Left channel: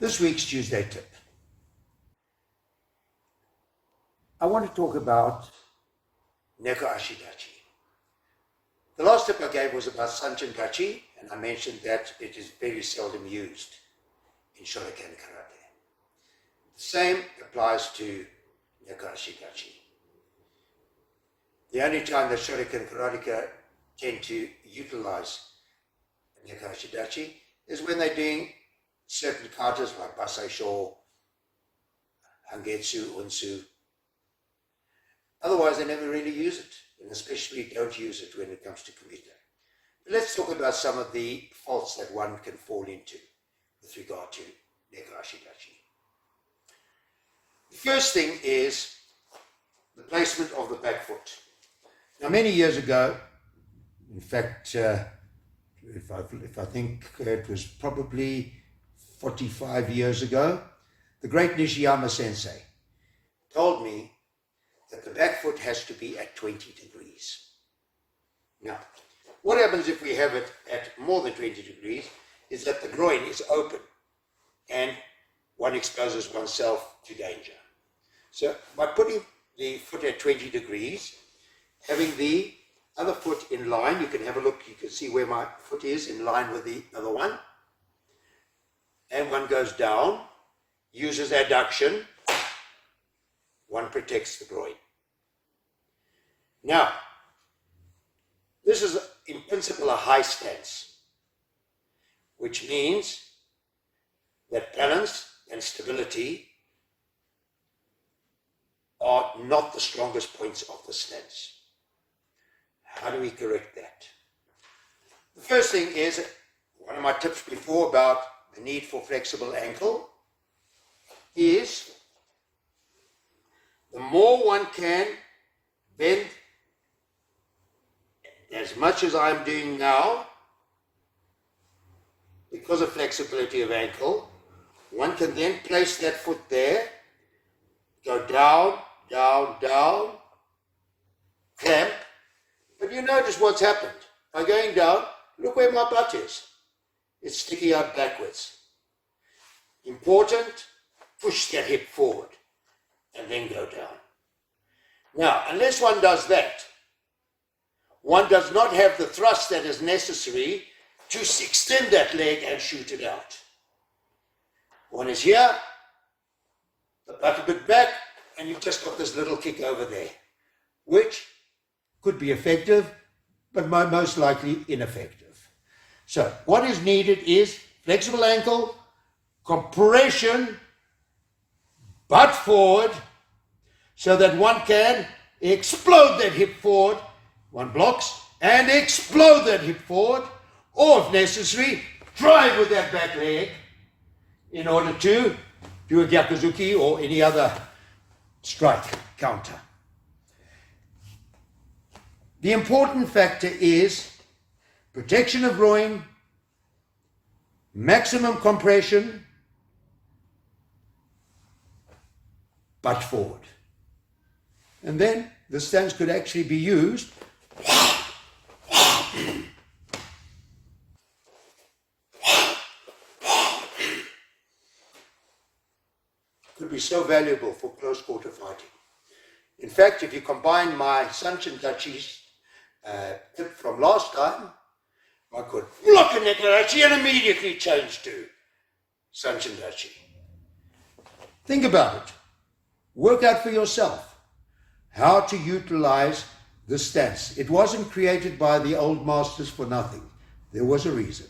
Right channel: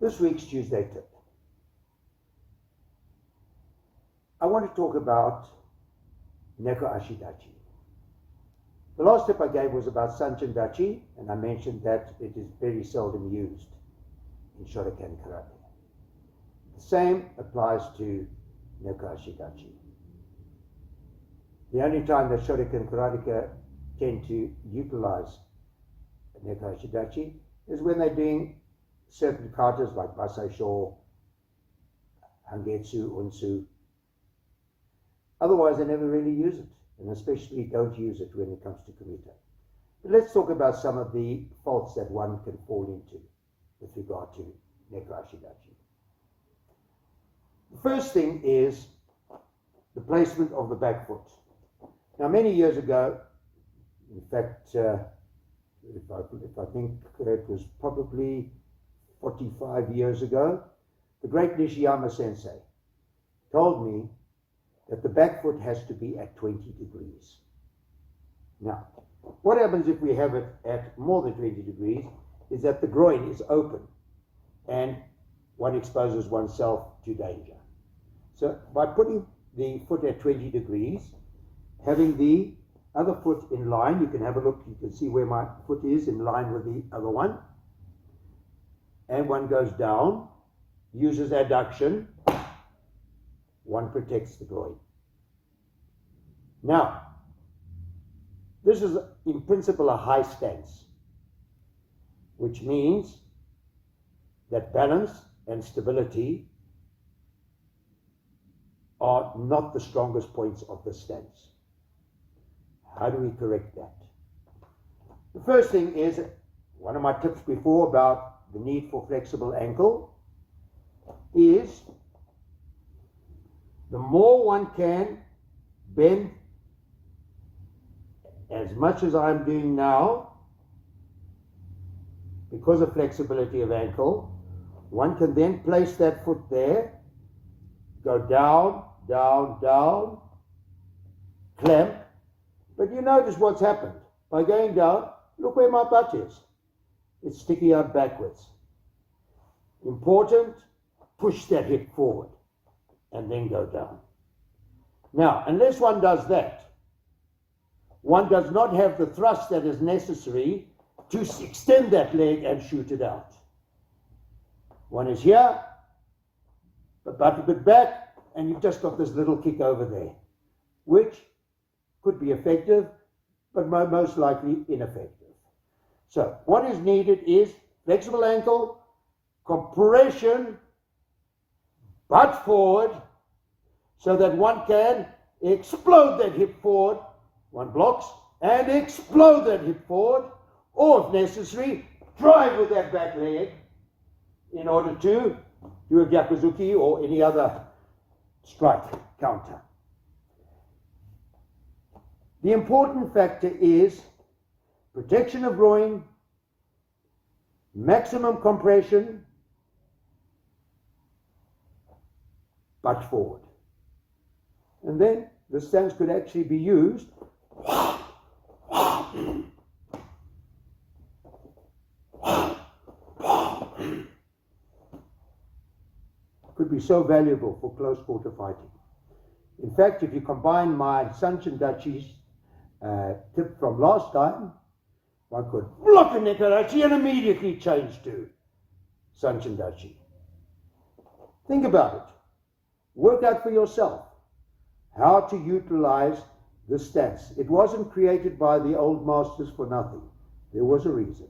This week's Tuesday tip. I want to talk about Neko ashi dachi. The last tip I gave was about Sanchin dachi, and I mentioned that it is very seldom used in Shotokan karate. The same applies to Neko ashi dachi. The only time that Shotokan karateka tend to utilize Neko ashi dachi is when they're doing certain katas like basai sho, hangetsu, unsu. Otherwise, they never really use it, and especially don't use it when it comes to kumite. But let's talk about some of the faults that one can fall into with regard to Neko ashi dachi. The first thing is the placement of the back foot. Now, many years ago, in fact, if I think it was probably 45 years ago, the great Nishiyama sensei told me that the back foot has to be at 20 degrees. Now, what happens if we have it at more than 20 degrees is that the groin is open and one exposes oneself to danger. So by putting the foot at 20 degrees, having the other foot in line, you can have a look, you can see where my foot is in line with the other one, and one goes down, uses adduction, one protects the groin. Now, this is in principle a high stance, which means that balance and stability are not the strongest points of the stance. How do we correct that? The first thing is, one of my tips before about the need for flexible ankle is the more one can bend as much as I'm doing now, because of flexibility of ankle, one can then place that foot there, go down, down, down, clamp. But you notice what's happened. By going down, look where my butt is. It's sticking out backwards. Important, push that hip forward and then go down. Now, unless one does that, one does not have the thrust that is necessary to extend that leg and shoot it out. One is here, the butt a bit back, and you've just got this little kick over there, which could be effective, but most likely ineffective. So what is needed is flexible ankle, compression, butt forward, so that one can explode that hip forward. One blocks and explode that hip forward, or if necessary, drive with that back leg in order to do a gyakuzuki or any other strike counter. The important factor is protection of groin, maximum compression, butt forward. And then the stance could actually be used could be so valuable for close quarter fighting. In fact, if you combine my Sanchin dachi tip from last time, one could block a Neko dachi and immediately change to Sanchin dachi. Think about it. Work out for yourself how to utilize this stance. It wasn't created by the old masters for nothing. There was a reason.